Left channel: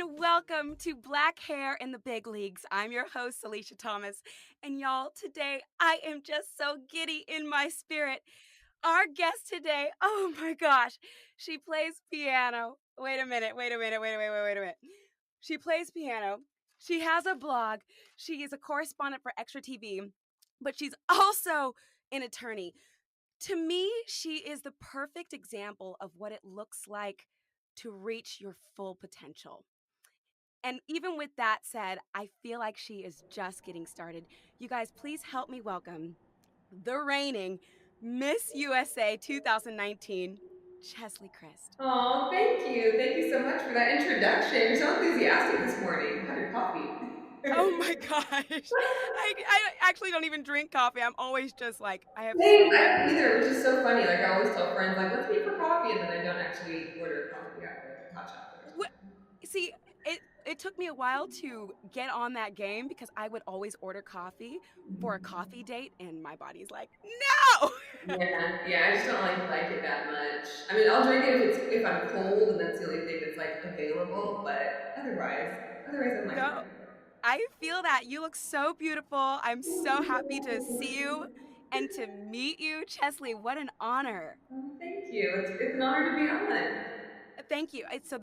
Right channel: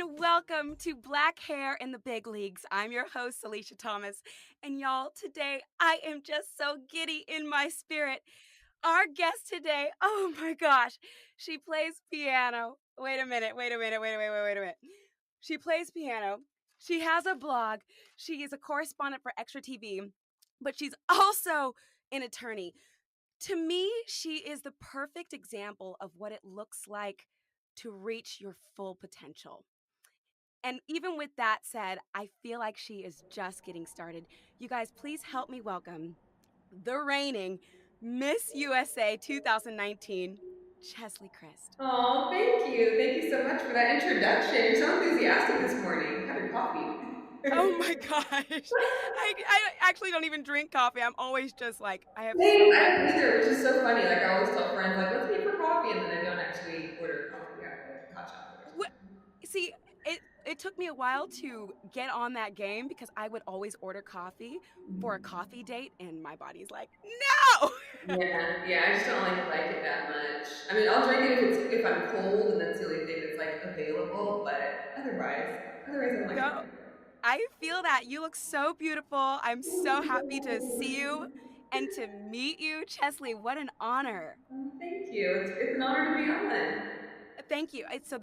and welcome to Black Hair in the Big Leagues. I'm your host, Salisha Thomas, and y'all, today I am just so giddy in my spirit. Our guest today, oh my gosh, she plays piano. Wait a minute. She plays piano. She has a blog. She is a correspondent for Extra TV, but she's also an attorney. To me, she is the perfect example of what it looks like to reach your full potential. And even with that said, I feel like she is just getting started. You guys, please help me welcome the reigning Miss USA 2019, Cheslie Kryst. Oh, thank you. Thank you so much for that introduction. You're so enthusiastic this morning. Had your coffee. Oh my gosh. I actually don't even drink coffee. I'm always just like, I have Same, so I much. don't either, which is so funny. Like, I always tell friends, like, let's meet for coffee, and then I don't actually order coffee. I have like hot chocolate or What, something. see, it took me a while to get on that game because I would always order coffee for a coffee date, and my body's like, no! Yeah, I just don't like it that much. I mean, I'll drink it if I'm cold, and that's the only thing that's like available. But otherwise, I'm like, No, I feel that. You look so beautiful. I'm so happy to see you and to meet you. Cheslie, what an honor. oh, thank you. It's an honor to be on. Thank you. So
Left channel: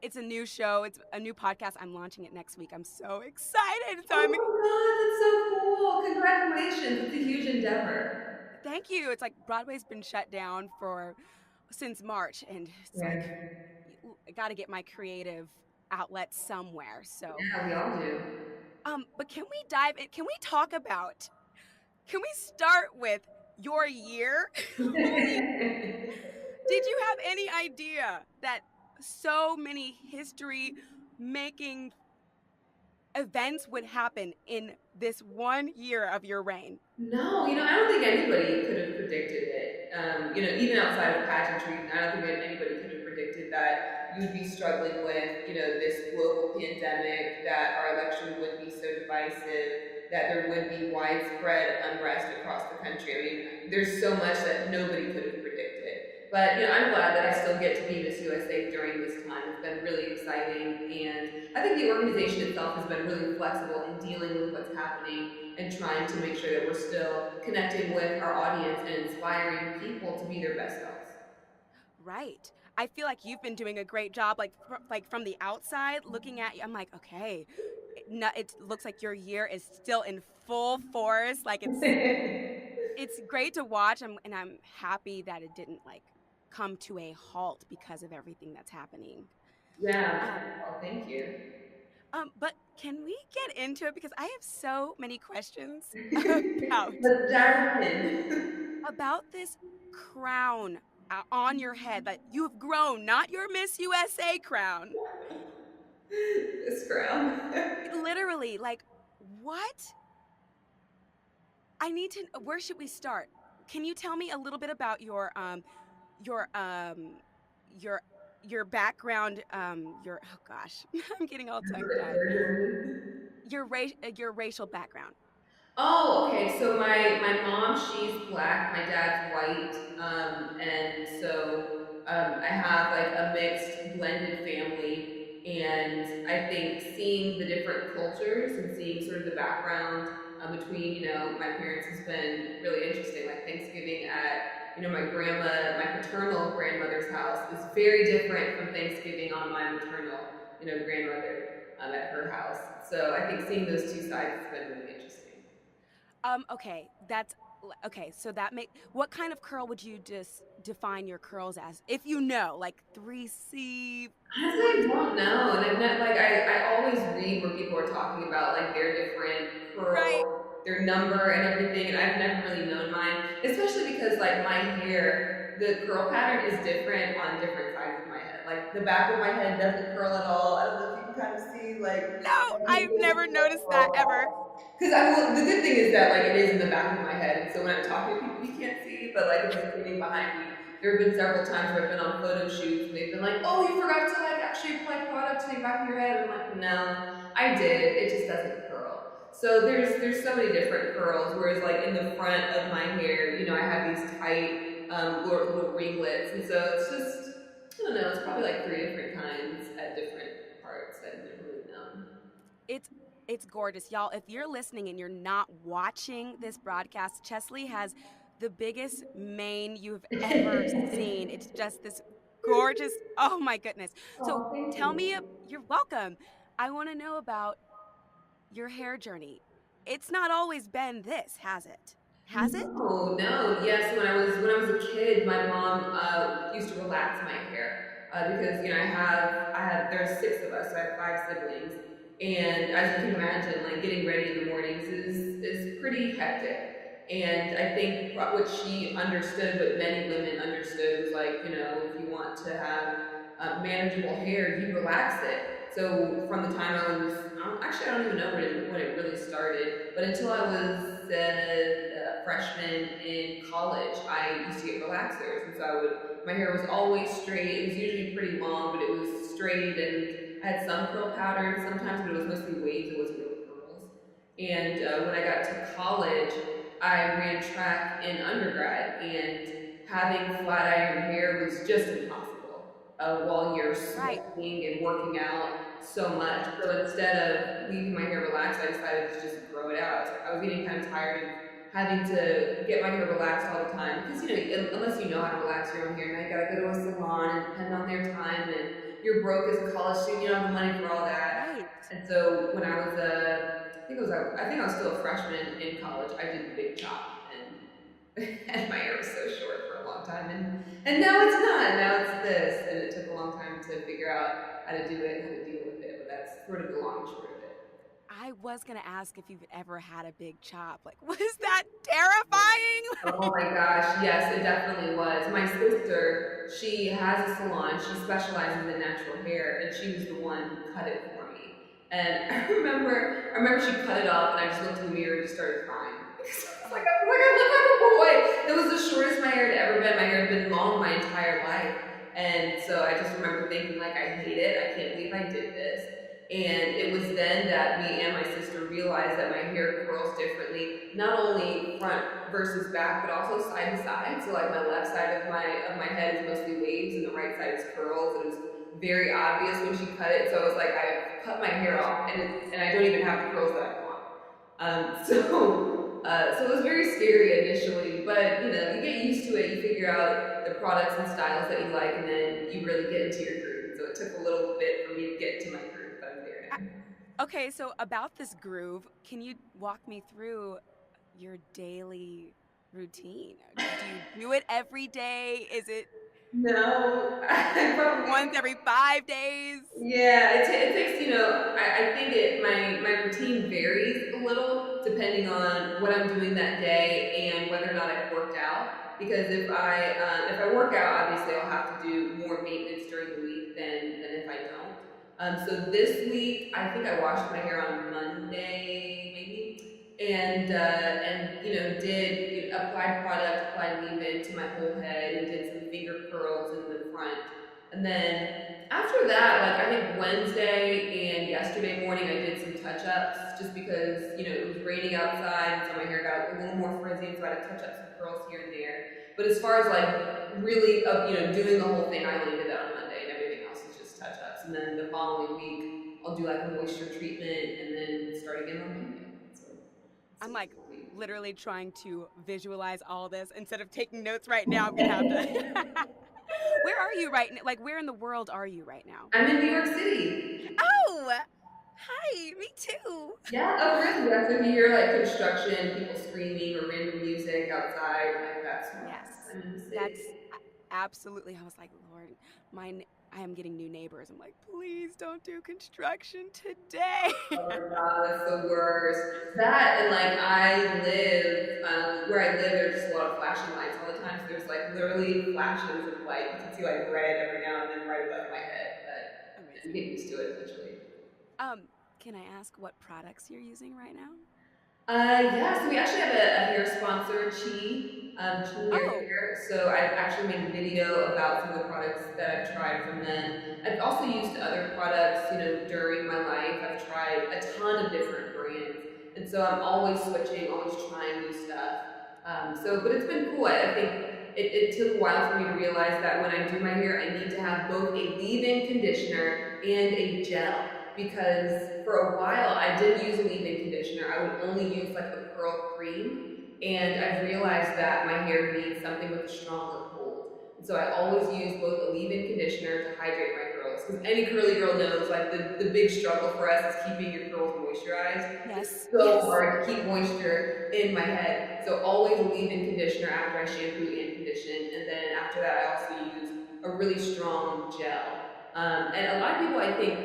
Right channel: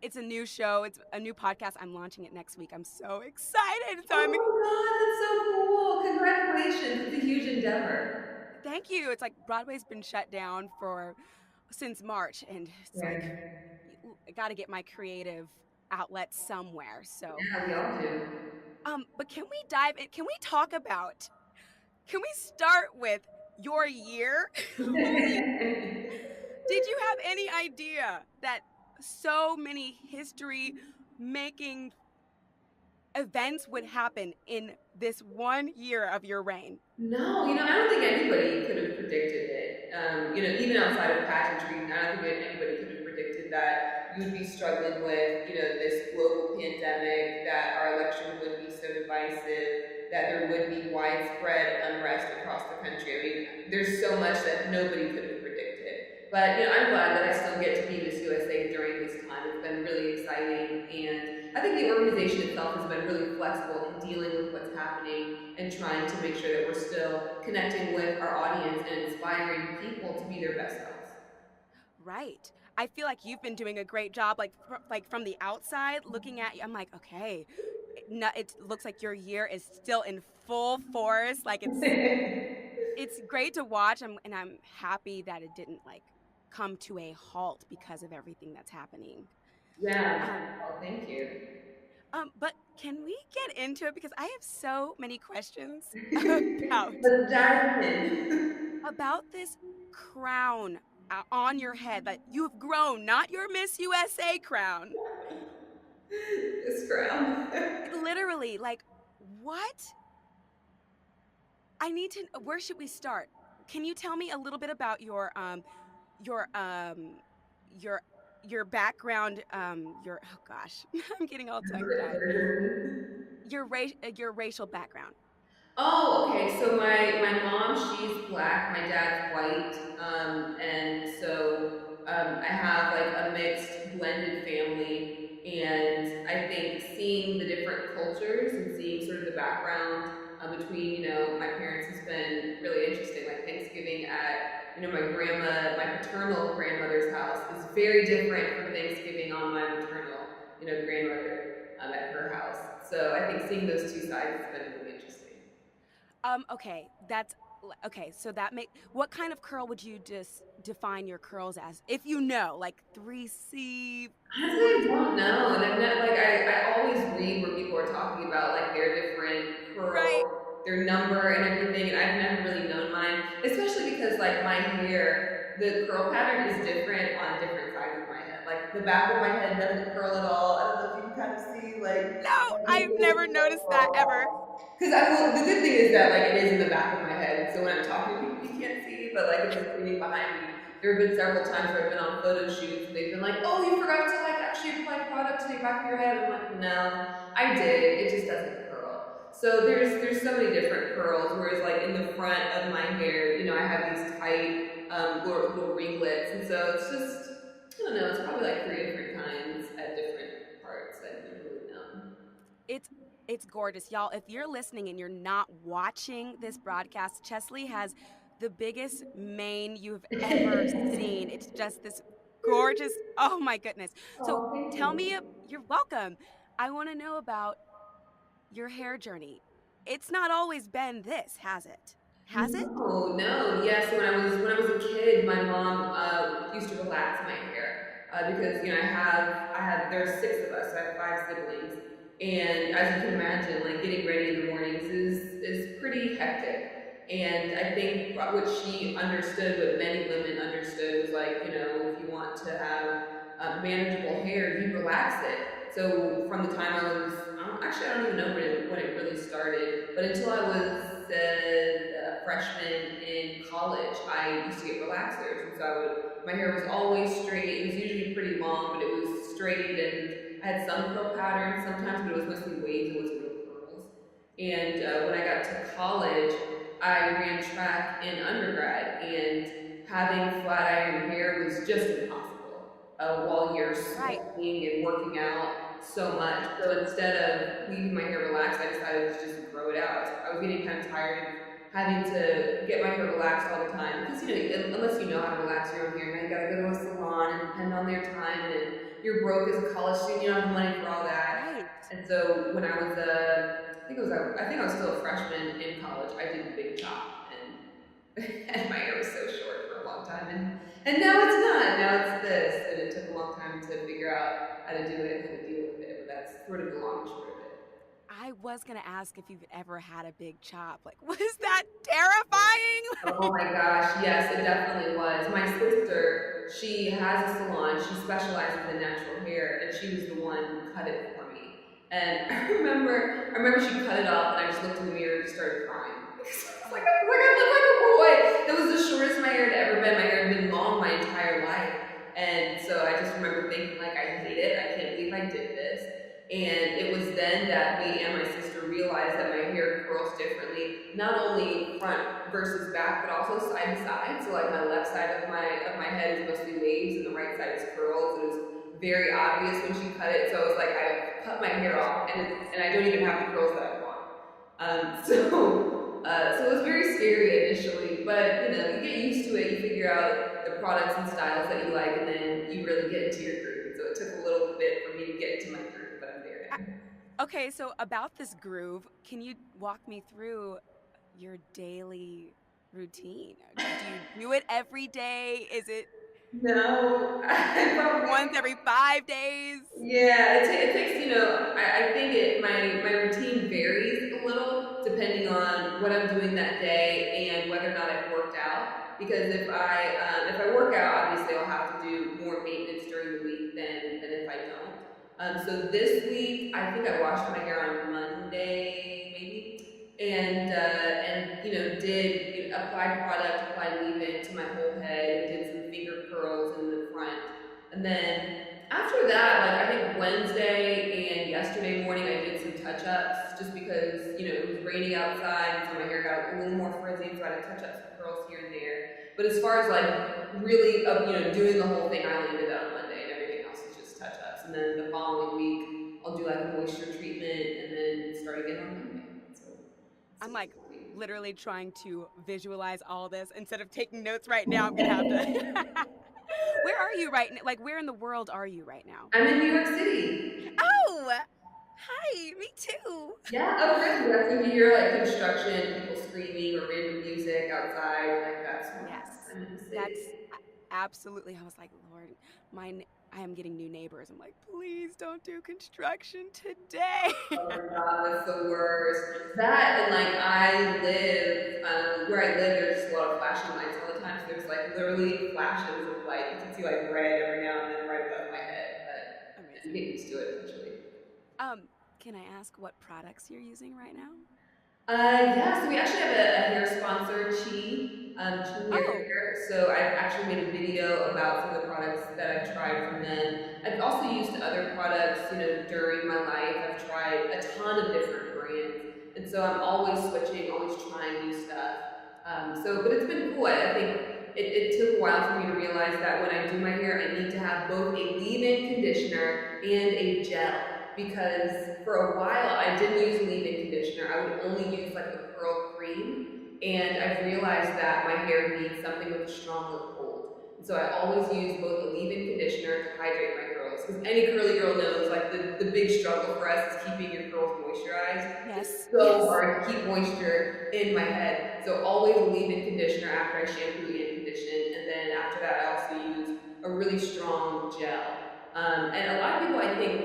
it's a new show. It's a new podcast. I'm launching it next week. I'm so excited. Oh my God, that's so cool! Congratulations! It's a huge endeavor. Thank you. It's like Broadway's been shut down since March, and it's Yeah, like I got to get my creative outlet somewhere. So, yeah, we all do. but can we dive in? Can we start with your year? Holy, did you have any idea that so many history making events would happen in this 1 year of your reign? No, I don't think anybody could have predicted it. Even outside of pageantry, I don't think that anybody could have predicted that you would be struggling with, this global pandemic, that our election would be so divisive, that there would be widespread unrest across the country. I mean, there's so much that nobody could have predicted. But I'm glad that I still get to be Miss USA during this time. It's been really exciting, and I think the organization itself has been really flexible in dealing with what's happening and trying to make sure that we're still connecting with our audience and inspiring people to be their best selves. Right. I feel like you've been doing a great job, like from the outside looking at you. I'm like, okay, it looks like your year is still in full force. Like it's great to watch, and I'm happy that it didn't like come to a halt because of everything that's happening. Yeah. Um, Oh, thank you. but can we get into it, because I have so many questions about Let's dive in. about this crown on your head that you have grown, not your Miss USA crown. This crown. Literally, like, what? Where should we start? Can you tell me a little bit about your your your background, oh gosh, I'm getting all tongue tied. Your racial background. Oh, okay. So my mom, she's black. My dad's white, and so I have like a mixed, blended family. And I think seeing the different cultures and seeing sort of the background between my parents has been really interesting. Like Thanksgiving at my paternal grandmother's house is very different from Thanksgiving on my maternal grandmother at her house. So I think seeing those two sides has been really interesting. Okay, so what kind of curl would you just define your curls as? If you know, like 3C, Honestly, I don't know, and I've not like I always read where people are talking about like their different right? curls, their number and everything, and I've never really known mine, especially because like my hair, the curl pattern is different on different sides of my head. Like the back of my head doesn't curl at all. I don't know if you can kind of see like No, I've never noticed that ever. because the good thing is that like it is in the back of my head, and so when I'm talking to people, you can't see, but like if you're standing behind me, there have been several times where I've been on photo shoots and they've been like, "Oh, you forgot to like actually apply product to the back of your head." I'm like, "No, I did. It just doesn't curl." So there's so many different curls. Whereas like in the front of my hair, I have these tight little ringlets, and so it's just I don't know. It's probably like 3 different kinds at different parts, and It's it's gorgeous, y'all. If you're listening and you're not watching this broadcast, Cheslie has the biggest mane you've ever seen. It's just this gorgeous. Oh my goodness. So Oh, thank tell you. me, you're welcome. I want to know about your hair journey. It's not always been this, has it? Has it? No, no. Yes, when I was a kid, my mom used to relax my hair because I have there's six of us, so I have five siblings, and as you can imagine, like getting ready in the mornings is pretty hectic. And I think what she understood, what many women understood, was like, if you want to have manageable hair, you relax it. So from the time I don't even know when it really started, but until I was a freshman in college, I used to get relaxers, and so my hair was always straight. It was usually pretty long, but it was straight, and I had some curl patterns sometimes, but it was mostly waves. It wasn't real curls. And when I got to college, I ran track in undergrad, and having flat iron hair was just impossible while you're Right, sweating and working out so much. right, So instead of leaving my hair relaxed, I decided to just grow it out. I was getting kind of tired of having to get my hair relaxed all the time because unless you know how to relax your own hair, now you gotta go to a salon and depend on their time, and you're broke as a college student. You don't have the money for all that. right. And so when I was I think I was still a freshman in college, I did the big chop, and my hair was so short for a long time, and now it's not. Now it's this, and it took a long time to figure out how to do it and how to deal with it. But that's sort of the long and short of it. I was gonna ask if you've ever had a big chop. Like, was that terrifying? Oh my gosh, yes, it definitely was. My sister, she has a salon. She specializes in natural hair, and she was the one who cut it for me. And I remember she cut it off, and I just looked in the mirror and just started crying. Because I looked like a boy. That was the shortest my hair had ever been. My hair had been long my entire life, and so I just remember thinking, like, I hate it. I can't believe I did this. And it was then that me and my sister realized that my hair curls differently, not only front versus back, but also side to side. So like my left side of my head is mostly waves, and the right side is curls. It was very obvious when she cut it. So it was like I cut my hair off, and I don't even have the curls that I want. So it was very scary initially, but you get used to it. You figure out the products and styles that you like, and then you really get into your groove. And so it took a little bit for me to get into my groove, but I'm there now. Okay, so about this groove, can you walk me through your daily routine? Do you do it every day? Is it No, I probably once every 5 days? Yeah, it takes, I think my routine varies a little depending on what I'm doing that day and whether or not I've worked out. Because if I work out, obviously I'll have to do more maintenance during the week than if I don't. So this week, I think I washed my hair on Monday, maybe, and did applied product, applied leave-in to my whole head, and did some finger curls in the front. And then after that, like I think Wednesday and yesterday morning, I did some touch-ups just because it was raining outside, and so my hair got a little more frizzy, and so I had to touch up some curls here and there. But as far as like really, doing the whole thing, I only did that on Monday, and everything else was just touch-ups. And then the following week, I'll do like a moisture treatment, and then start again on Monday. So I'm like literally trying to visualize all this instead of taking notes right now. I'm gonna have to. Where are you right now? Like, where in the world are you right now? I'm in New York City. Oh, hi, me too. Yeah, oh really? That's when you hear like construction, people screaming, or random music outside. Like that's why Yes, I'm in the city. that's absolutely. I was like, Lord, I am getting new neighbors. I'm like, please don't do construction today. Oh my god, that's the worst. That and like where I live, there's just a lot of flashing lights all the time. So there's like literally flashes of light. You can see like red every now and then right above my head. But you Amazing. get used to it eventually. Can I ask what products you're using right now? Yeah, so we actually have a hair sponsor, TyNia Oh, Hair. So I've actually made a video about some of the products that I've tried from them. I've also used other products, during my life. I've tried a ton of different brands. And so I'm always switching, always trying new stuff. But it's been cool. I think it took a while for me to realize that when I do my hair, I need to have both a leave-in conditioner and a gel. because for a while I didn't use a leave-in conditioner. I would only use like the curl cream, and I've realized that my hair needs something with a stronger hold. And so I always use both a leave-in conditioner to hydrate my curls, because any curly girl knows like the big struggle for us is keeping your curls moisturized. It's Yes, so yes. hard to keep moisture in my head. So always a leave-in conditioner after I shampoo and condition, and then after that I also use a really strong gel. And a lot of people, I think,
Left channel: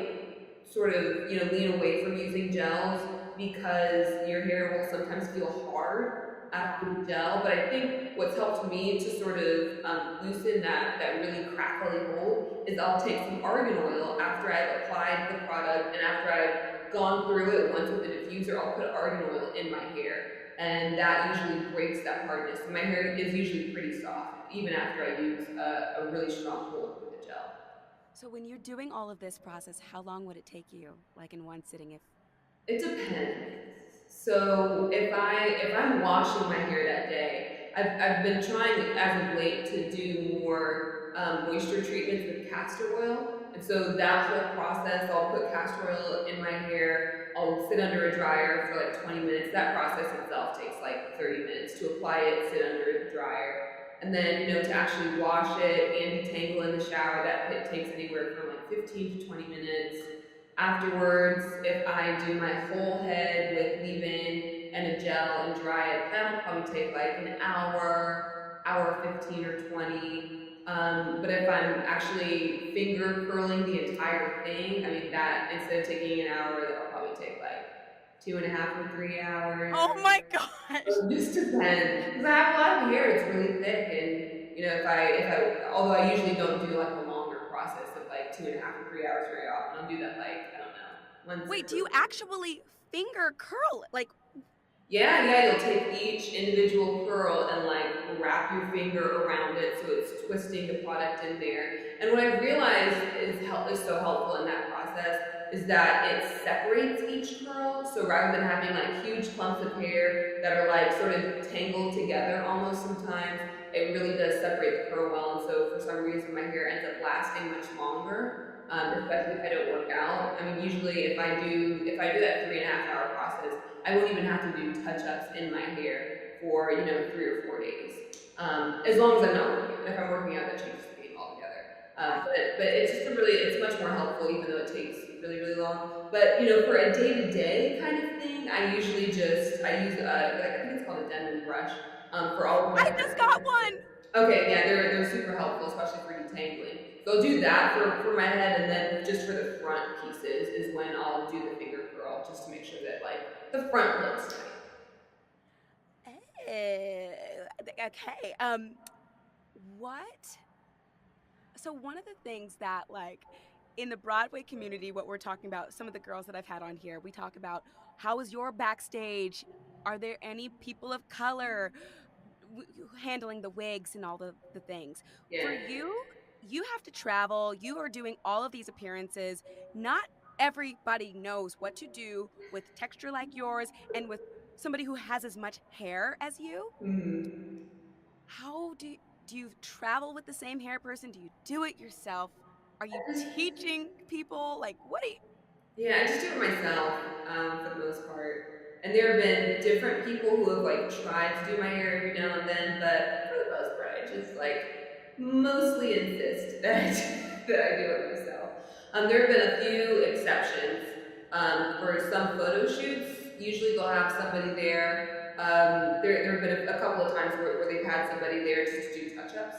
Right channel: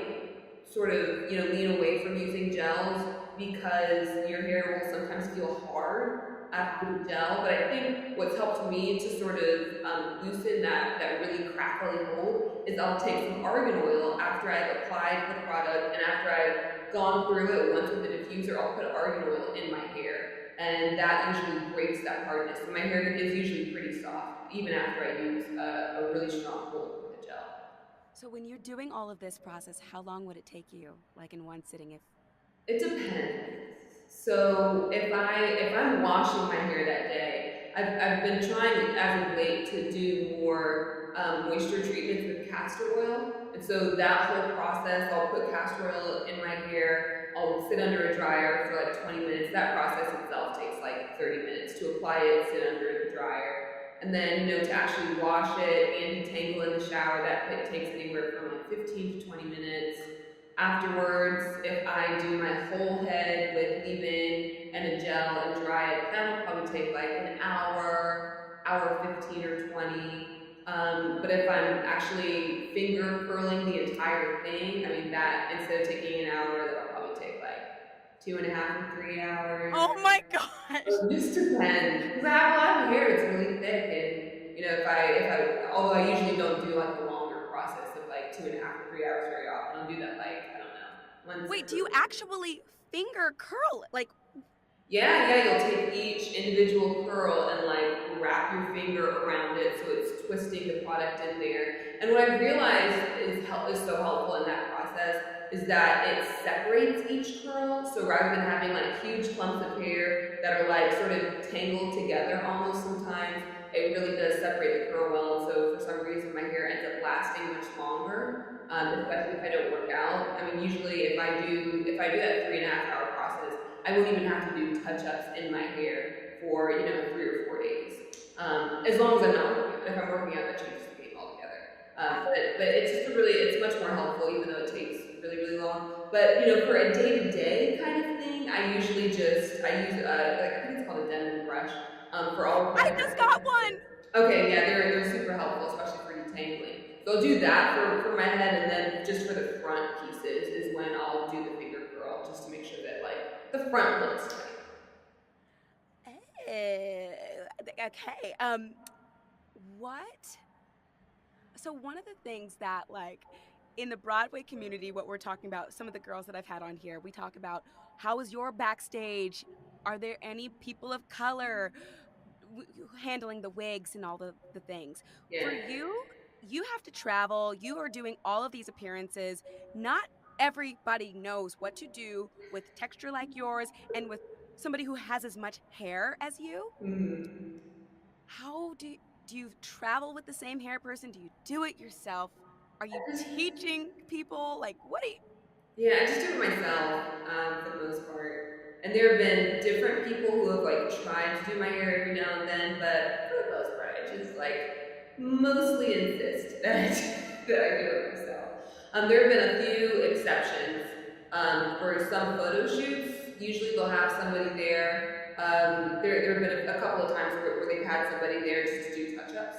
sort of, lean away from using gels because your hair will sometimes feel hard after Yeah. the gel. But I think what's helped me to sort of loosen that really crackly hold is I'll take some argan oil after I've applied the product, and after I've gone through it once with the diffuser, I'll put argan oil in my hair. And that usually breaks that hardness. So my hair is usually pretty soft, even after I use a really strong hold with the gel. So when you're doing all of this process, how long would it take you, like in one sitting, if It depends. So if I'm washing my hair that day, I've been trying as of late to do more moisture treatments with castor oil, and so that whole process, I'll put castor oil in my hair. I'll sit under a dryer for like 20 minutes. That process itself takes like 30 minutes to apply it, sit under the dryer, and then to actually wash it and detangle in the shower. That takes anywhere from like 15 to 20 minutes. Afterwards, if I do my whole head with leave-in and a gel and dry it, that'll probably take like an hour 15 or 20. But if I'm actually finger curling the entire thing, I mean, that instead of taking an hour, that'll probably take like 2.5 or 3 hours. oh my gosh. So it just depends, because I have a lot of hair. It's really thick, and if I, although I usually don't do like the longer process of like 2.5 or 3 hours very often. I'll do that like, I don't know, once. Wait, do you actually finger curl? Like, Yeah, you'll take each individual curl and like wrap your finger around it so it's twisting the product in there. And what I've realized is so helpful in that process is that it separates each curl. So rather than having like huge clumps of hair that are like sort of tangled together almost sometimes, it really does separate the curl well. And so for some reason my hair ends up lasting much longer, especially if I don't work out. I mean, usually if I do that 3.5 hour process, I won't even have to do touch-ups in my hair for 3 or 4 days, as long as I'm not working out. If I'm working out, that changes the game altogether. But it's just it's much more helpful, even though it takes really, really long. But for a day-to-day kind of thing, I usually I use I think it's called a Denman brush for all of my I hair. just got one. Okay, yeah, they're super helpful, especially for detangling. So I'll do that for my head, and then just for the front pieces is when I'll do the finger curl, just to make sure that like the front looks tight. Okay. What? So one of the things that, like, in the Broadway community, what we're talking about, some of the girls that I've had on here, we talk about how is your backstage? Are there any people of color handling the wigs and all the things? Yeah. For you, you have to travel. You are doing all of these appearances. Not everybody knows what to do with texture like yours and with somebody who has as much hair as you. Mm-hmm. How do you travel with the same hair person? Do you do it yourself? Are you teaching people? Like, what do you? Yeah, I just do it myself for the most part. And there have been different people who have like tried to do my hair every now and then, but for the most part, I just like mostly insist that that I do it myself. There have been a few exceptions for some photo shoots. Usually they'll have somebody there. There have been a couple of times where they've had somebody there just to do touch-ups.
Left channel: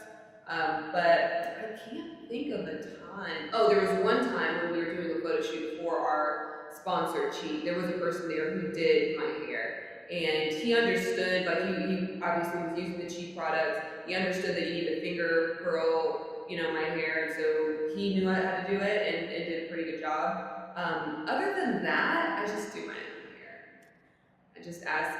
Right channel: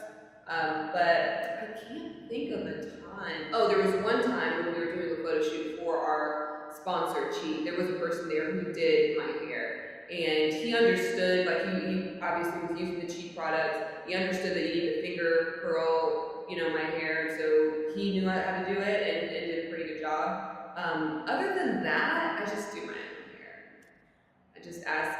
But I can't think of a time. Oh, there was one time when we were doing a photo shoot for our sponsor, Chi. There was a person there who did my hair, and he understood. Like he obviously was using the Chi products. He understood that you need to finger curl, my hair, and so he knew how to do it and did a pretty good job. Other than that, I just do my own hair. I just ask,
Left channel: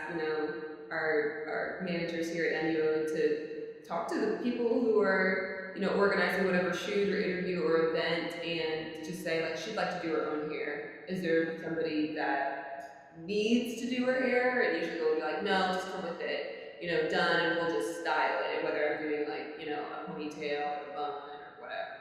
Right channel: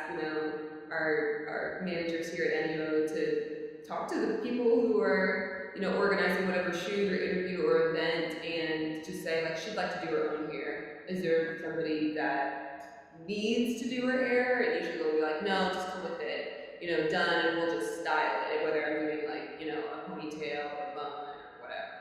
our managers here at NUO to talk to the people who are, organizing whatever shoot or interview or event, and just say like she'd like to do her own hair. Is there somebody that needs to do her hair? And usually they'll be like, no, just come with it, done, and we'll just style it. Whether I'm doing like, a ponytail or a bun or whatever.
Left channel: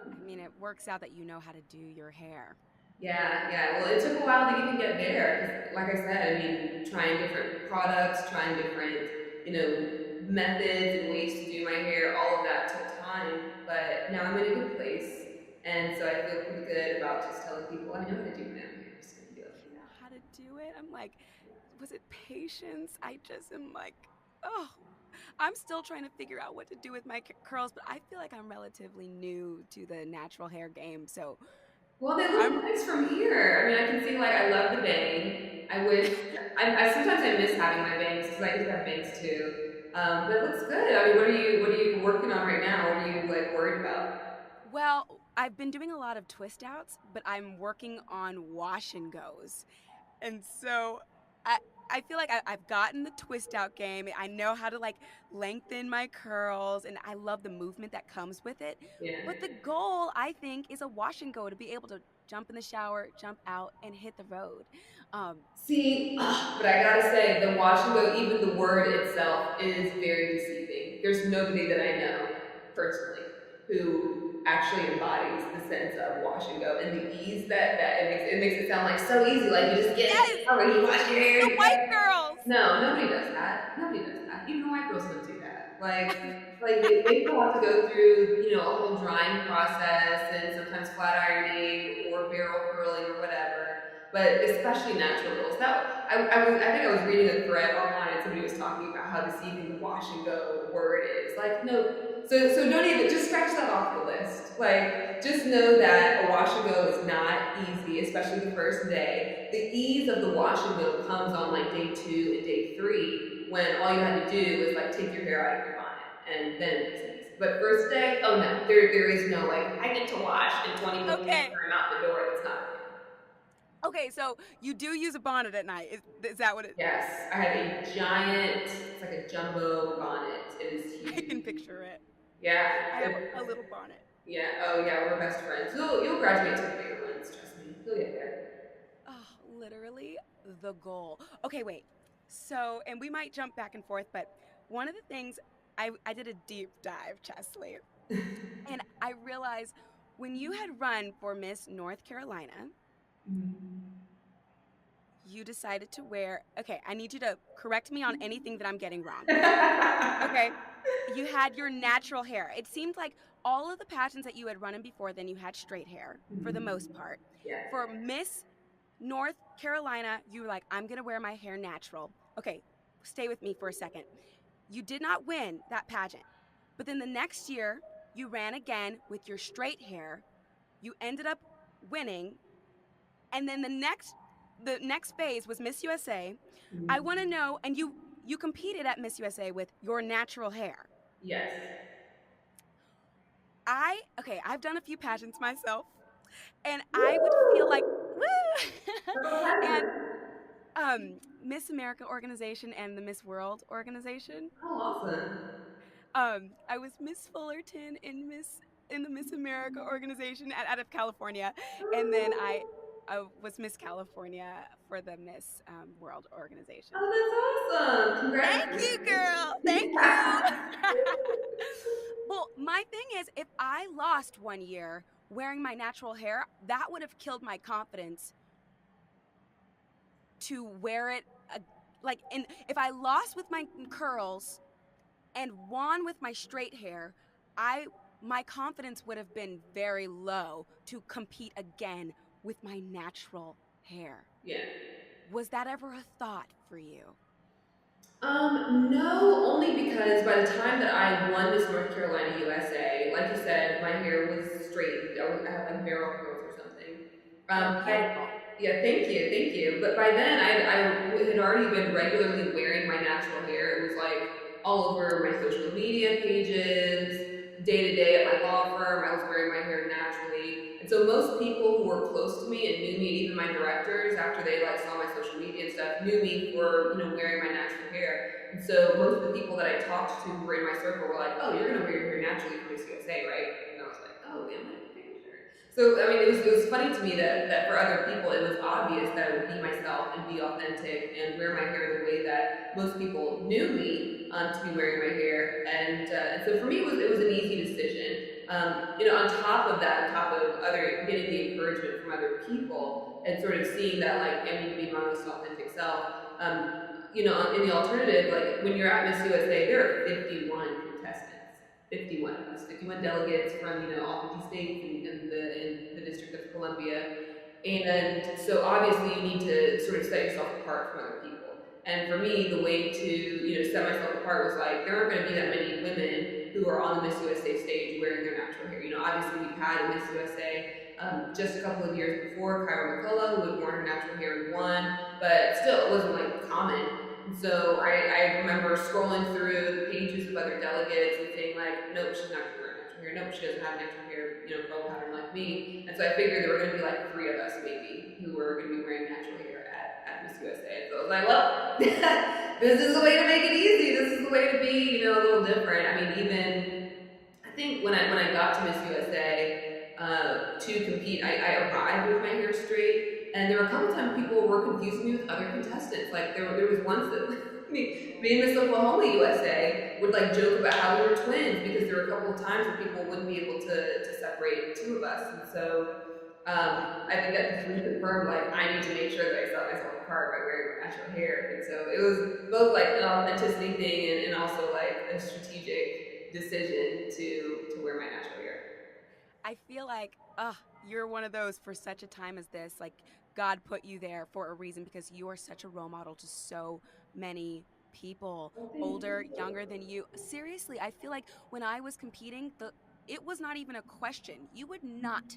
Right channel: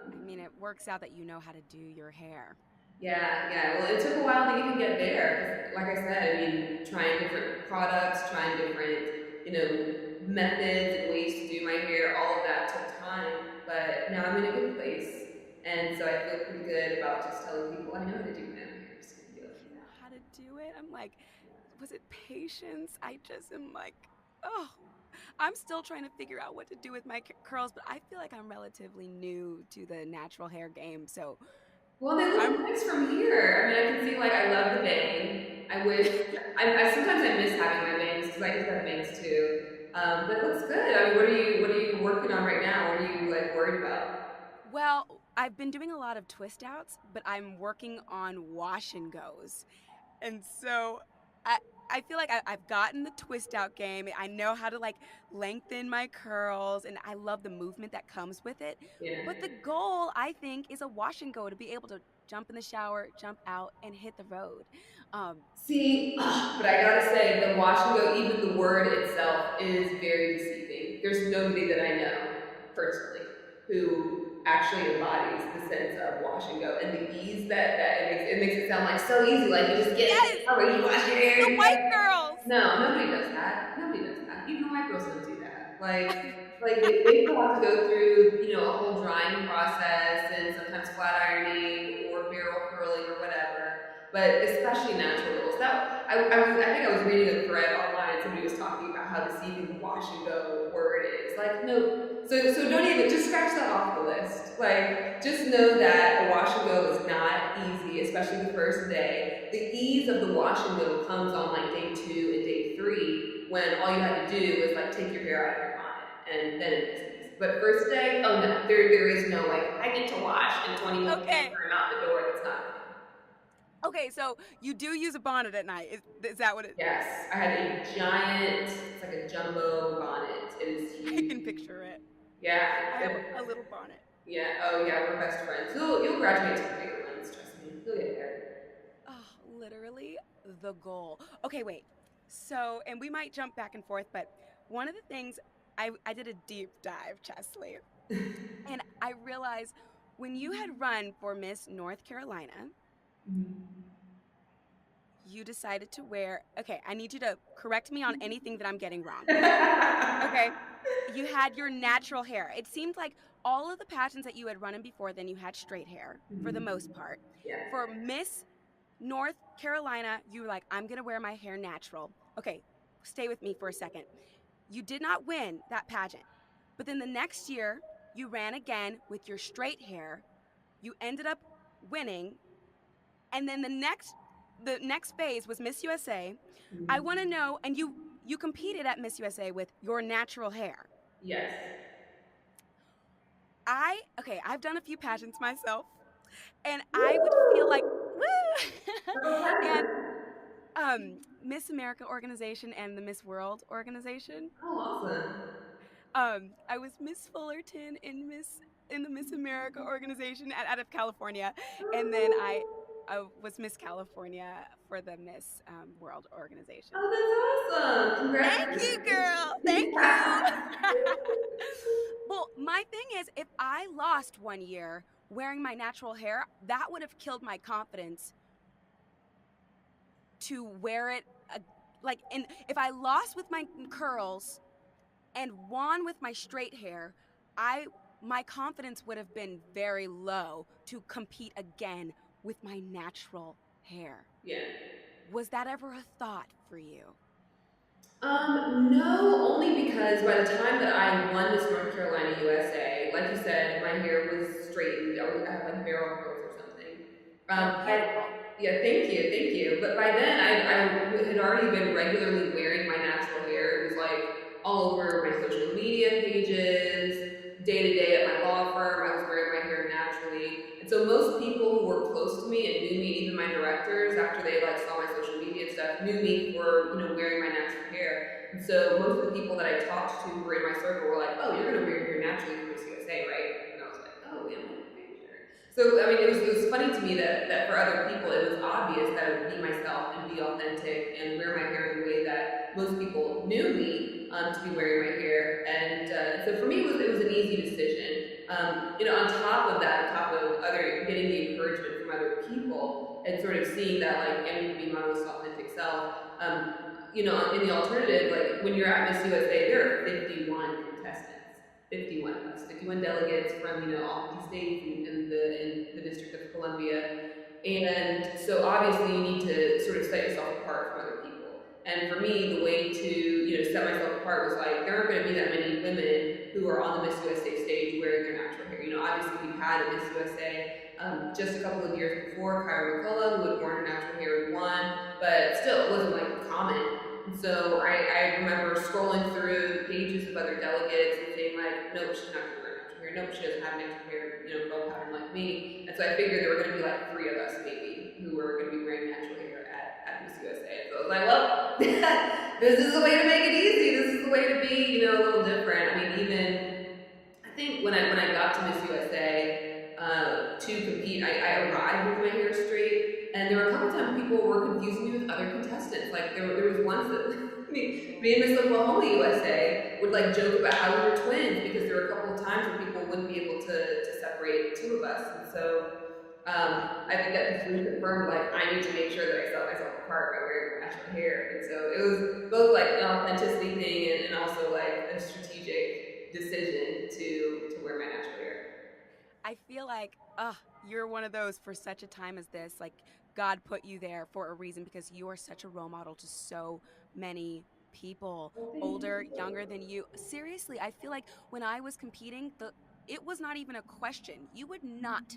I mean, it works out that you know how to do your hair. Yeah. Well, it took a while to even get there because, like I said, I mean, trying different products, trying different, you know, methods and ways to do my hair, all of that took time. But now I'm in a good place, and so I feel pretty good about just telling people I know how to do my own hair. I'm just gonna do it like You know that. how to do it? I'm like, was it patience? I just am like, oh, I'm still trying to figure out what to do with my curls, but I feel like I'm relatively new to the natural hair game. So Well, they look I'm, nice from here. I mean, I can see like I love the bang. I wish I sometimes I miss having my bangs because I used to have bangs too. But it looks good. I mean, what are you working on right now? What are you like worried about? well, I've been doing a lot of twist outs, but I'm working on wash and goes. And so I I feel like I've gotten the twist out game. I know how to like lengthen my curls, and I love the movement that comes with it. Yeah. But the goal, I think, is a wash and go to be able to jump in the shower, jump out, and hit the road. Um, See, but I gotta say, the wash and go, even the word itself is very deceiving. There's nobody that I know personally who actually embodies the sense of wash and go and the ease that it makes it sound like so easy. Like you just get in yes, the shower, you wash your hair. the white girls. No, nobody does that. Nobody does that. Even the white girls don't do that. Like they still have to go through, a whole drying process and sometimes flat ironing or barrel curling or whatever. But especially natural girls. I think I was reading a thread online and somebody was talking about how deceiving the wash and go word is. Like, no, so don't even just scratch that off the list. Like, just know that a wash and go is not easy, especially the first day. The ease of the wash and go comes on like day 2 and day 3 when all you had to do is like take your hair out of your bonnet, and then it's easy. But first day, oh no, there is no like I get to wash in 20 minutes and Okay, I'm out the door. That's not a thing. okay, so you do use a bonnet at night. Is that what it? Yes, I have a giant. It's like a jumbo bonnet. It is I can huge. picture it. Yeah. I have a little bonnet. Yeah. Oh yeah, we're best friends. You'll graduate to the bigger ones. Trust me. You'll get there. Oh, literally the goal. Okay, wait. So, and we might jump back and forth, but one of the things I did a deep dive, Cheslie, and I realized when you had run for Miss North Carolina, you decided to wear, okay, I need you to correct me on anything that I'm getting wrong. Okay. You had your natural hair. It seemed like all of the pageants that you had run in before, then you had straight hair for the most part. Yeah. For Miss North Carolina, you were like, I'm going to wear my hair natural. Okay, stay with me for a second. You did not win that pageant. But then the next year, you ran again with your straight hair. You ended up winning. And then the next phase was Miss USA. I want to know, and you competed at Miss USA with your natural hair. Yes. I've done a few pageants myself, and I would feel like, Woo! woo! Double And pleasure. Miss America organization and the Miss World organization. Oh, awesome. I was Miss Fullerton in the Miss America organization out of California, and then I was Miss California for the Miss World organization. Oh, that's awesome. Thank Congratulations. you, girl. Thank you. Well, my thing is, if I lost one year wearing my natural hair, that would have killed my confidence to wear it. And if I lost with my curls and won with my straight hair, my confidence would have been very low to compete again with my natural hair. Yeah. Was that ever a thought for you? No, only because by the time that I won Miss North Carolina USA, like you said, my hair was straightened. I had like barrel curls or something. They're beautiful. Yeah, thank you. But by then, I had already been regularly wearing my natural hair. It was like all over my social media pages, day to day at my law firm. I was wearing my hair naturally. And so most people who were close to me and knew me, even my directors, after they like saw my social media and stuff, knew me for wearing my natural hair. And so most of the people that I talked to who were in my circle were like, "Oh, you're gonna wear your hair naturally for Miss USA, right?" And I was like, "Oh, am I?" So I mean, it was funny to me that for other people it was obvious that I would be myself and be authentic and wear my hair the way that most people knew me to be wearing my hair, and so for me it was an easy decision. On top of that, on top of other getting the encouragement from other people and sort of seeing that like I need to be my most authentic self. In the alternative, like when you're at Miss USA, there are 51 contestants, 51 of us, 51 delegates from all 50 states in the District of Columbia, and so obviously you need to sort of set yourself apart from other people. And for me, the way to set myself apart was like there aren't going to be that many women who are on the Miss USA stage wearing their natural hair. Obviously we've had a Miss USA just a couple of years before, Kyra McCullough, who had worn her natural hair and won, but still it wasn't like common. And so I remember scrolling through the pages of other delegates and saying like, nope, she's not going to wear natural hair. Nope, she doesn't have natural hair, curl pattern like me. And so I figured there were going to be like 3 of us maybe who were going to be wearing natural hair at Miss USA. And so I was like, well, this is the way to make it easy. This is the way to be, a little different. I mean, even I think when I got to Miss USA to compete, I arrived with my hair straight, and there were a couple times people were confusing me with other contestants. Like there was once that me and Miss Oklahoma USA would like joke about how we were twins because there were a couple of times where people wouldn't be able to separate the 2 of us, and so. I think that just reconfirmed like I need to make sure that I set myself apart by wearing natural hair, and so it was both like an authenticity thing and also like a strategic decision to wear my natural hair. I feel like, you're one of those for such a time as this. Like, God put you there for a reason because you are such a role model to so many people, older, younger than you. Seriously, I feel like when I was competing, it was not even a question. You would not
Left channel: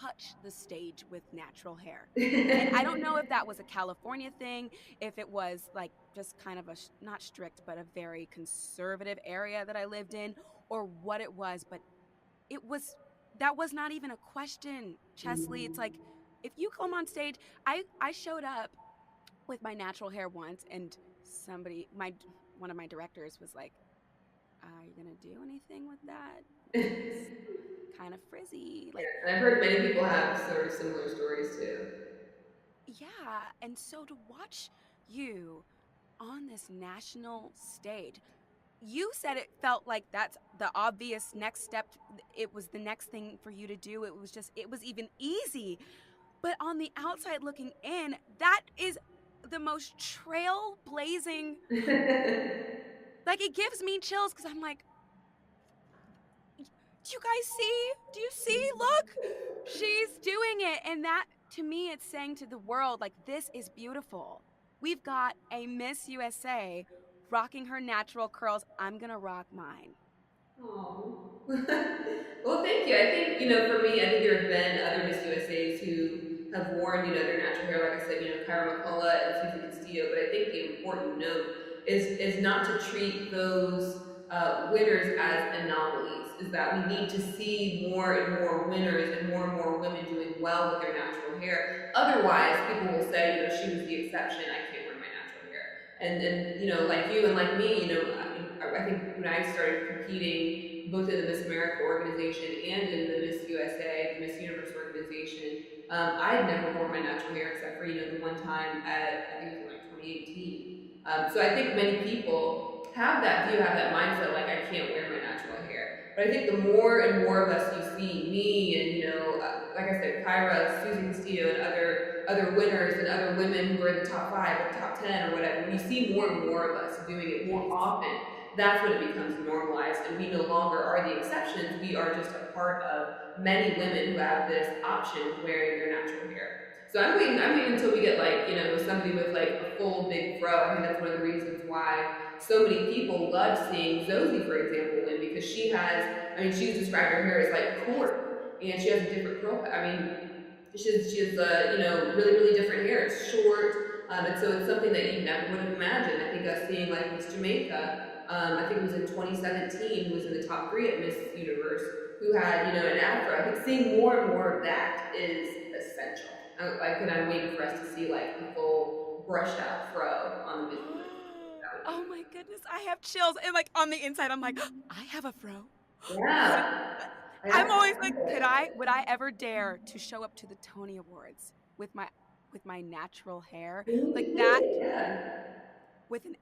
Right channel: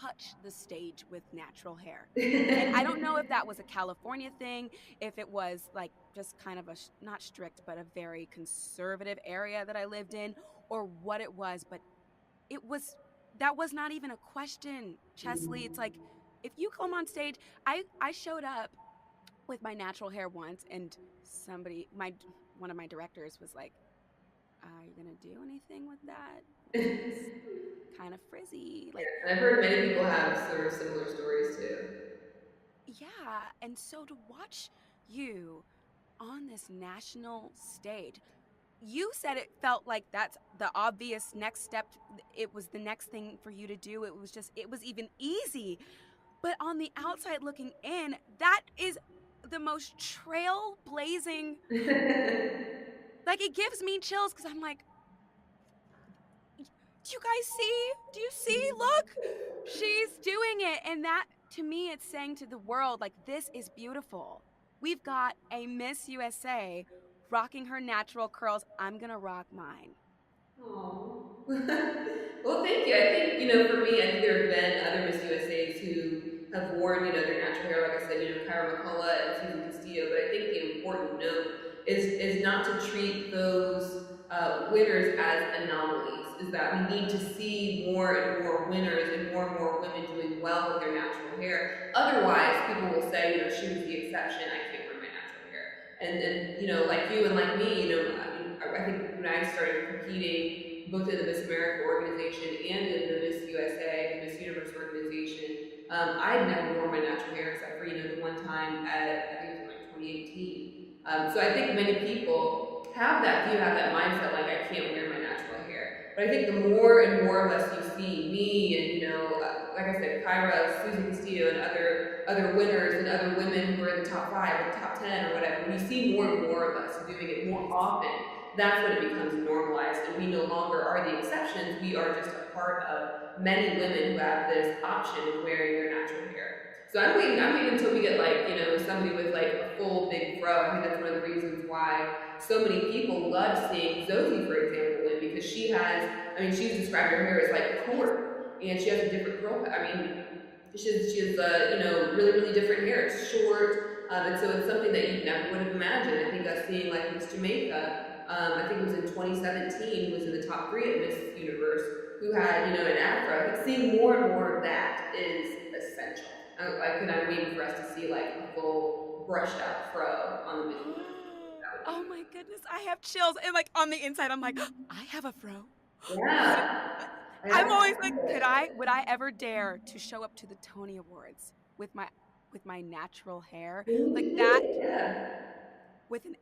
touch the stage with natural hair. And I don't know if that was a California thing, if it was like just kind of not strict, but a very conservative area that I lived in, or what it was, but that was not even a question, Cheslie. It's like, if you come on stage, I showed up with my natural hair once, and one of my directors was like, "Are you gonna do anything with that? It's kind of frizzy." Like, and I've heard many people have sort of similar stories too. yeah, and so to watch you on this national stage, you said it felt like that's the obvious next step. It was the next thing for you to do. It was even easy. But on the outside looking in, that is the most trailblazing. Like, it gives me chills because I'm like, do you guys see? Do you see? Look, she's doing it. And that, to me, it's saying to the world, like, this is beautiful. We've got a Miss USA rocking her natural curls. I'm going to rock mine. Oh. Well, thank you. I think, for me, I think there have been other Miss USAs who have worn, their natural hair, like I said, Kyra McCullough and Cheslie Castillo. But I think the important note is not to treat those winners as anomalies. Is that we need to see more and more winners and more women doing well with their natural hair. Otherwise, people will say, she was the exception. I can't wear my natural hair. And like you and like me, I think when I started competing both in the Miss America organization and in the Miss USA, the Miss Universe organization, I had never worn my natural hair except for, the one time at, I think it was like 2018. So I think many people have that view, have that mindset, like I can't wear my natural hair. But I think the more and more of us you see, me and, like I said, Kyra, Susie Castillo, and other winners and other women who are in the top 5 or the top 10 or whatever, when you see more and more of us doing it more often, that's when it becomes normalized, and we no longer are the exceptions. We are just a part of many women who have this option of wearing their natural hair. So I'm waiting until we get like, somebody with like a full big fro. I think that's one of the reasons why so many people love seeing Zosie, for example, win, because she's described her hair as like cork, and she has a different curl. She has really, really different hair. It's short, and so it's something that you never would have imagined. I think us seeing like Miss Jamaica, I think it was in 2017, who was in the top 3 at Miss Universe, who had, an afro. I think seeing more and more of that is essential. I'm waiting for us to see like a full brushed out fro on the Miss Universe. Oh my goodness, I have chills. And like on the inside, I'm like, I have a fro. Yeah. I'm always like, would I ever dare to show up to the Tony Awards with my natural hair like that? Yeah. With an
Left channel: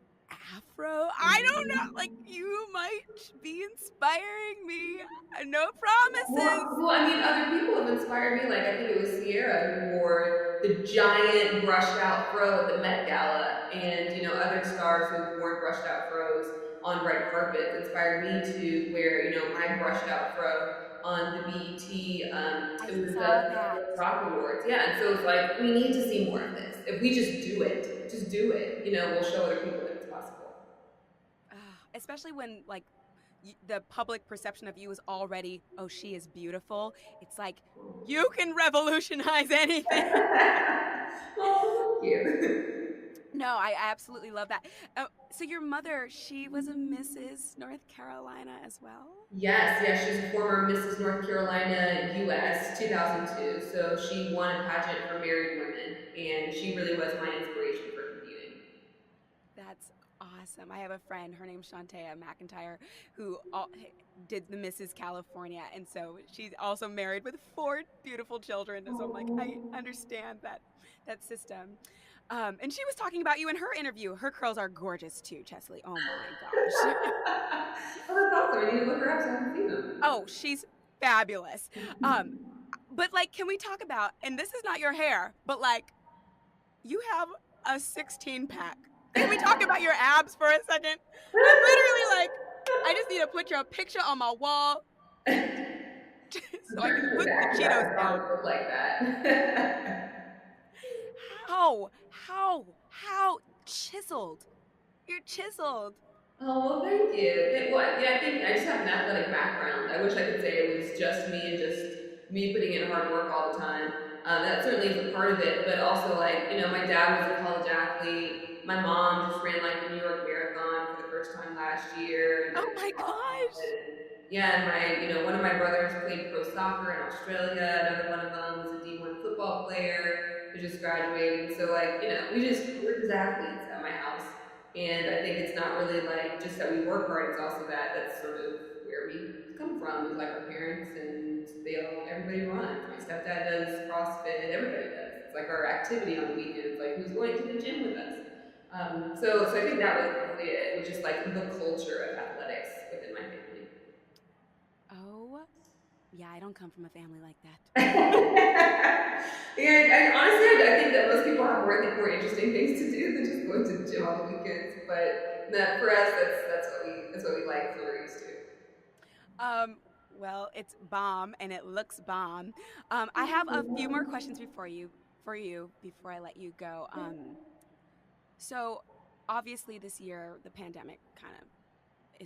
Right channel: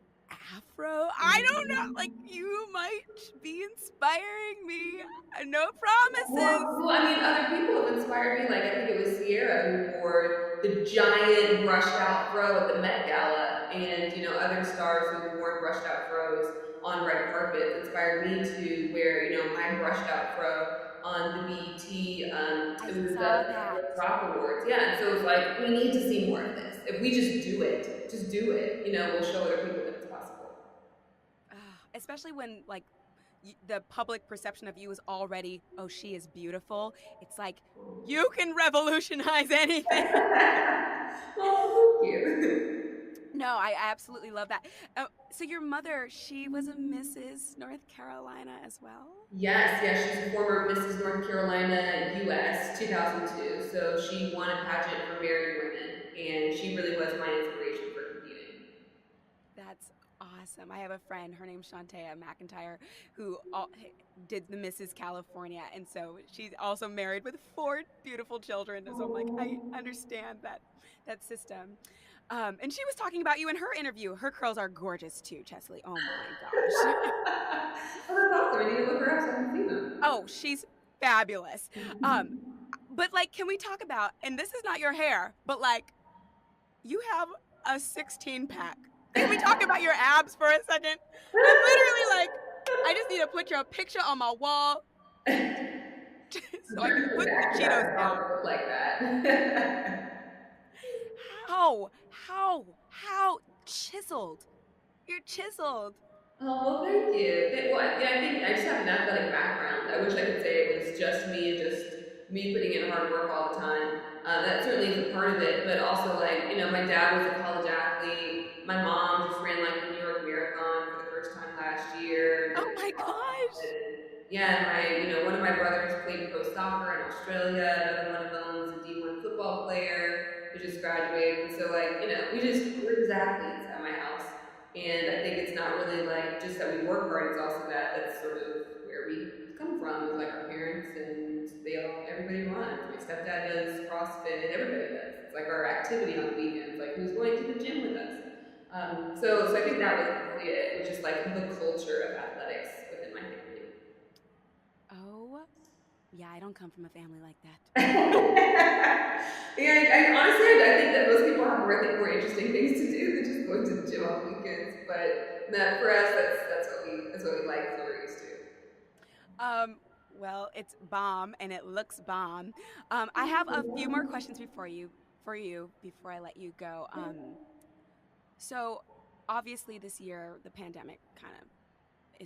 afro. I don't know. Like, you might be inspiring me. No promises. Well, I mean, other people have inspired me. Like, I think it was Sierra who wore the giant brushed out fro at the Met Gala, and other stars who've worn brushed out fros on red carpets inspired me to wear, my brushed out fro on the BET. I It was saw the that. Rock Awards, yeah. And so it's like we need to see more of this. If we just do it. We'll show other people that it's possible. Especially when, like, the public perception of you is already, oh, she is beautiful. It's like, you can revolutionize anything. Oh, thank you. No, I absolutely love that. So your mother, she was a Mrs. North Carolina as well? Yes, she's a former Mrs. North Carolina US 2002. So she won a pageant for married women, and she really was my inspiration for competing. That's awesome. I have a friend, her name's Shantea McIntyre, who did the Mrs. California, and so she's also married with 4 beautiful children. So I'm like, I understand that system. And she was talking about you in her interview. Her curls are gorgeous too, Cheslie. Oh my gosh. Oh, that's awesome. I need to look her up so I can see them. Oh, she's fabulous. But like, can we talk about, and this is not your hair, but like, you have a 16-pack. Can we talk about your abs for a second? I'm literally like, I just need to put your picture on my wall so I can put the Cheetos down. Look like that. How chiseled? You're chiseled. Oh, well, thank you. Well, yeah, I think I just have an athletic background. I wish I could say it was just me and just me putting in hard work all the time. That certainly is a part of it, but also, like, my dad was a college athlete. My mom just ran like the New York Marathon for the first time last year. Oh my gosh. Yeah, and one of my brothers played pro soccer in Australia. Another one of them was a D1 football player who just graduated. And so, like, we're just athletes at my house. And I think it's not really like just that we work hard. It's also that's sort of where we come from. Is like our parents, and everybody runs. My stepdad does CrossFit. Everybody does. It's like our activity on the weekends. Like, who's going to the gym with us? So I think that was really it. Was just like the culture of athletics within my family. Oh, yeah, I don't come from a family like that. Yeah, honestly, I think that most people have more interesting things to do than just going to the gym on the weekends. But for us, that's what we like. That's what we're used to. Well, it's bomb, and it looks bomb. I have a few more questions before I let you go. So obviously this year the pandemic kind of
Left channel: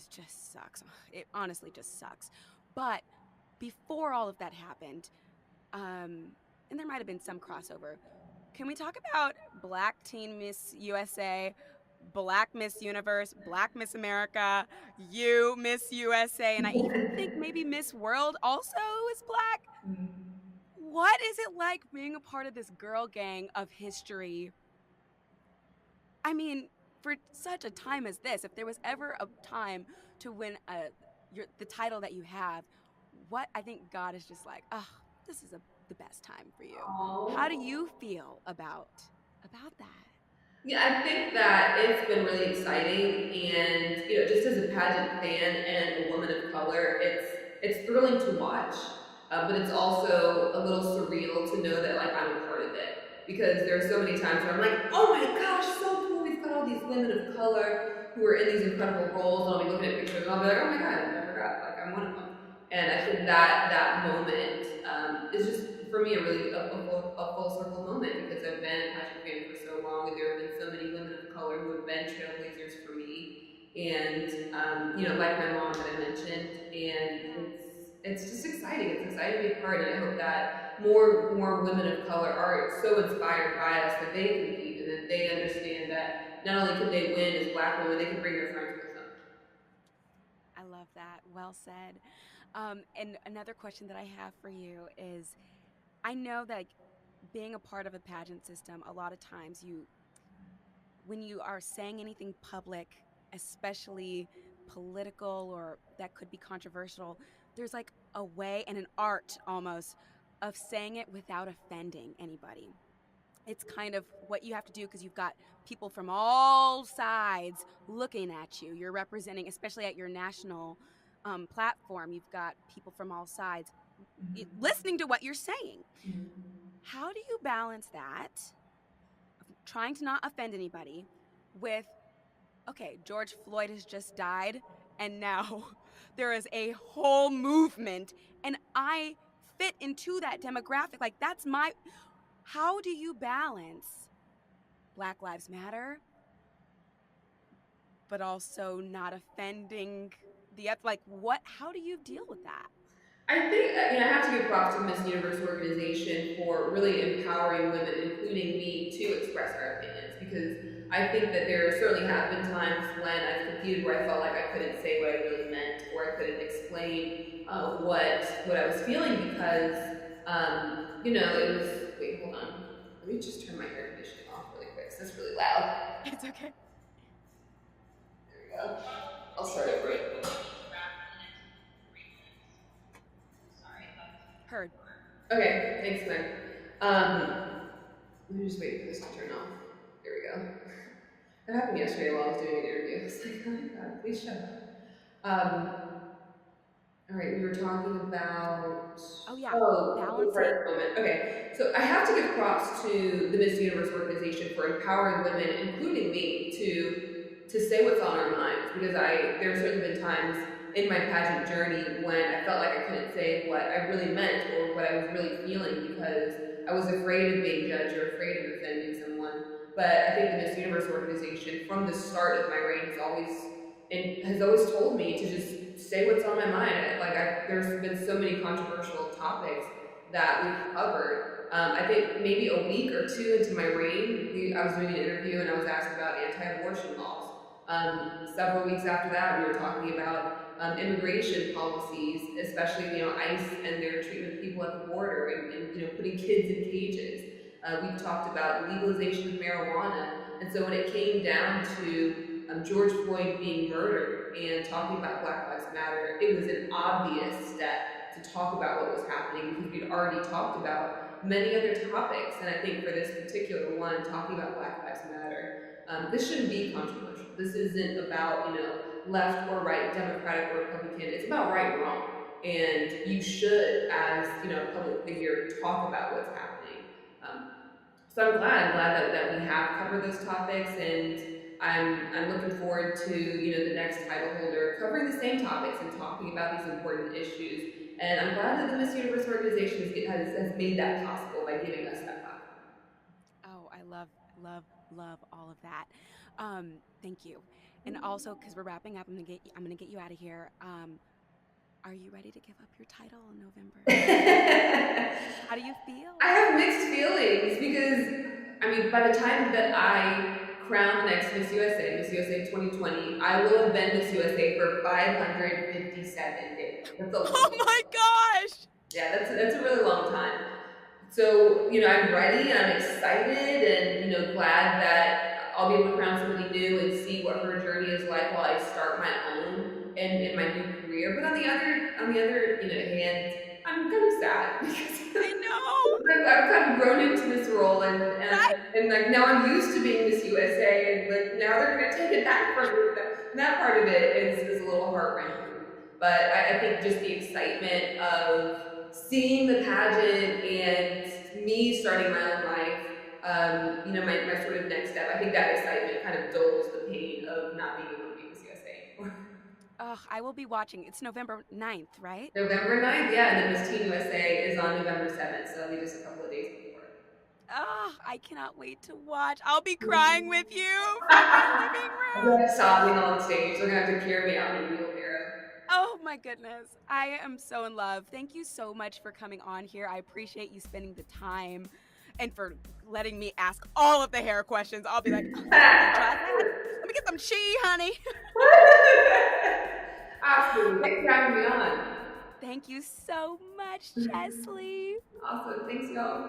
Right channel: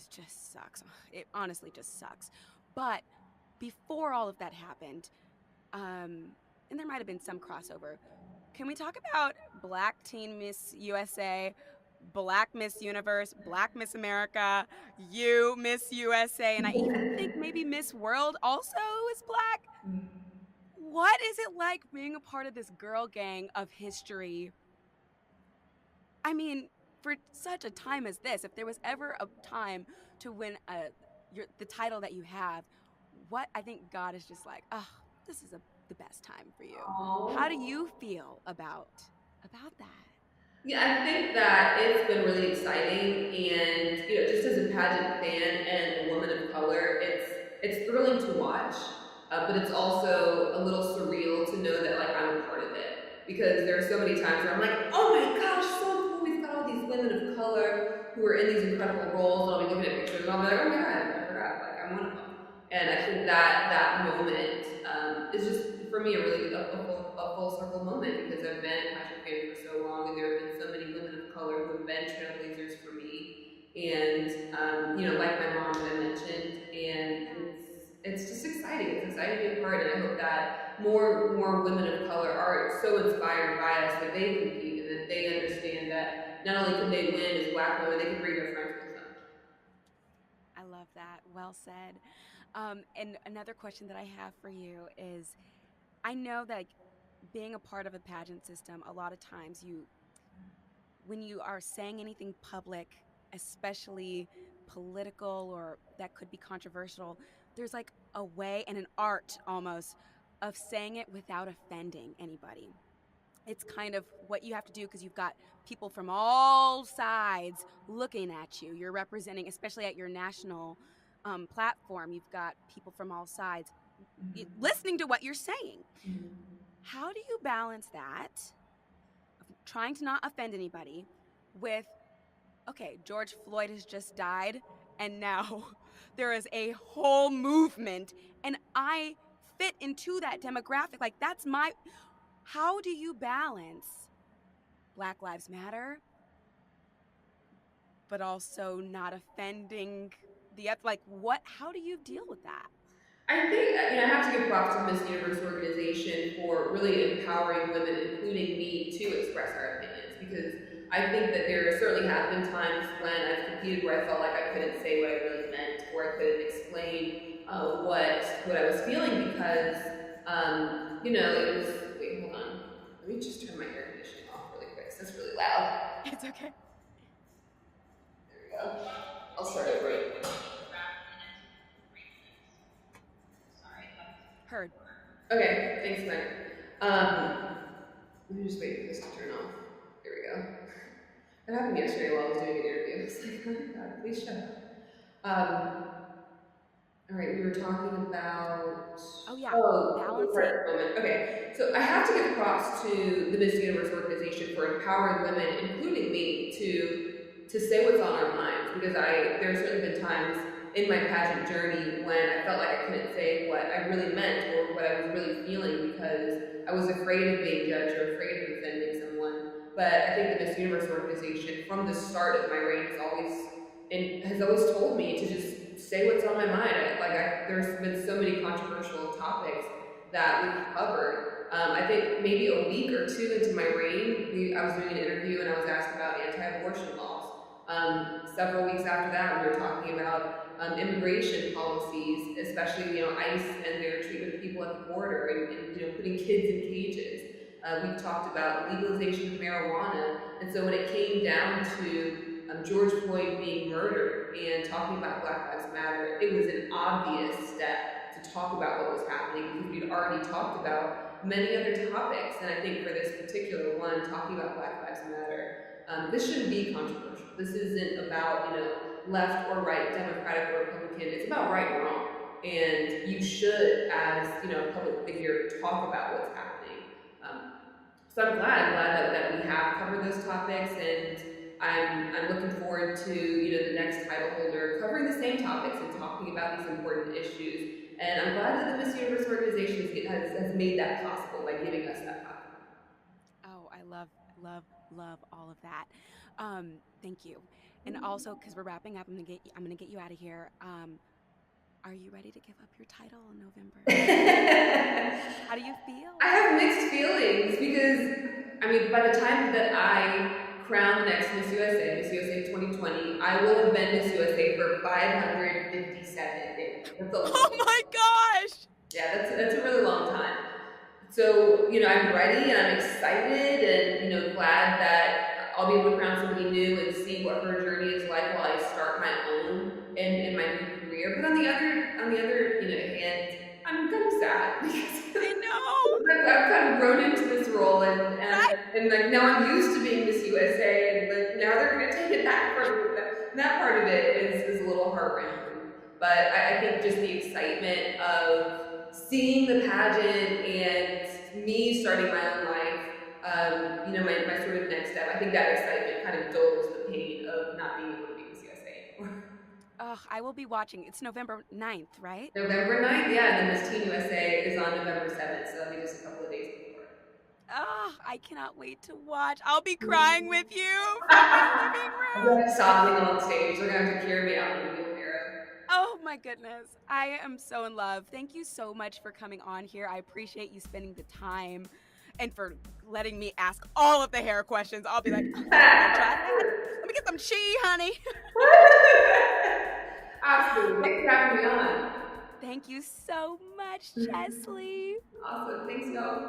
just sucks. It honestly just sucks. But before all of that happened, and there might have been some crossover, can we talk about Black Teen Miss USA, Black Miss Universe, Black Miss America, you Miss USA, and I even think maybe Miss World also is Black? What is it like being a part of this girl gang of history? I mean, for such a time as this, if there was ever a time to win the title that you have, what I think God is just like, oh, this is the best time for you. Aww. How do you feel about that? Yeah, I think that it's been really exciting, and just as a pageant fan and a woman of color, it's thrilling to watch, but it's also a little surreal to know that, like, I'm a part of it, because there are so many times where I'm like, oh my gosh, so cool, we've got all these women of color who are in these incredible roles, and I'll be looking at pictures and I'll be like, oh my god, I forgot, like, I'm one of them. And I think that moment is just, for me, a full circle moment, because I've been a pageant fan for so long, and there have been so many women of color who have been trailblazers for me, and like my mom that I mentioned, and it's just exciting. It's exciting to be a part, and I hope that more women of color are so inspired by us that they compete, and that they understand that not only can they win as Black women, they can bring their friends with them. I love that. Well said. And another question that I have for you is, I know that being a part of a pageant system, a lot of times when you are saying anything public, especially political or that could be controversial, there's like a way and an art almost of saying it without offending anybody. it's kind of what you have to do because you've got people from all sides looking at you. You're representing, especially at your national platform, you've got people from all sides listening to what you're saying. Mhm. How do you balance that, of trying to not offend anybody, with, okay, George Floyd has just died, and now there is a whole movement, and I fit into that demographic? Like, that's my. How do you balance Black Lives Matter, but also not offending like, what? How do you deal with that? I think I have to give props to the Miss Universe organization for really empowering women, including me, to express our opinions. Because I think that there certainly have been times when I've competed where I felt like I couldn't say what I really meant, or I couldn't explain what I was feeling because it was. Wait, hold on. Let me just turn my air conditioning off really quick. 'Cause that's really loud. It's okay. There we go. I'll start over. Heard. Okay, thanks, Meg. Let me just wait for this to turn off. There we go. That happened yesterday while I was doing an interview. I was like, oh my god, please shut up. All right, we were talking about. Oh yeah, balancing. balancing. Okay, so I have to give props to the Miss Universe organization for empowering women, including me, to say what's on our minds. Because there have certainly been times in my pageant journey when I felt like I couldn't say what I really meant or what I was really feeling because I was afraid of being judged or afraid of offending someone. But I think the Miss Universe organization, from the start of my reign, has always told me to just say what's on my mind. There's been so many controversial topics that we've covered. I think maybe a week or two into my reign, I was doing an interview and I was asked about anti-abortion laws. Several weeks after that, we were talking about immigration policies, especially ICE and their treatment of people at the border, and putting kids in cages. We've talked about legalization of marijuana, and so when it came down to George Floyd being murdered and talking about Black Lives Matter, it was an obvious step to talk about what was happening because we'd already talked about many other topics. And I think for this particular one, talking about Black Lives Matter, this shouldn't be controversial. This isn't about left or right, Democratic or Republican. It's about right and wrong, and you should, as a public figure, talk about what's happening. So I'm glad that we have covered those topics, and I'm looking forward to the next title holder covering the same topics and talking about these important issues. And I'm glad that the Miss Universe organization has made that possible by giving us that platform. Oh, I love all of that. Thank you. And also, because we're wrapping up, I'm gonna get you out of here. Are you ready to give up your title in November? How do you feel? I have mixed feelings because, by the time that I crown the next Miss USA 2020, I will have been Miss USA for 557 days. That's a long Oh my gosh! Yeah, that's a really long time. So, I'm ready and I'm excited and, glad that I'll be able to crown somebody new and see what her journey is like while I start my own in my new career. But on the other hand, I'm kind of sad because I know I've kind of grown into this role and like now I'm used to being Miss USA and like now they're gonna take it back from me. That part of it is a little heart-wrenching. But I think just the excitement of seeing the pageant and me starting my own life, my sort of next step, I think that excitement kind of dulls the pain of not being able to be Miss USA anymore. Oh, I will be watching. It's November 9th, right? November 9th, yeah, and then Miss Teen USA is on November 7th, so that'll be just a couple of days before. Oh, I cannot wait to watch. I'll be crying with you from my living room. I'm sobbing on stage. They're going to have to carry me out in a wheelbarrow. Oh my goodness. I am so in love. Thank you so much for coming on here. I appreciate you spending the time and for letting me ask all of the hair questions. I'll be like, oh, try that. Let me get some chi, honey. Absolutely. Thanks for having me on. Thank you so much, Cheslie. Awesome. Thanks, y'all.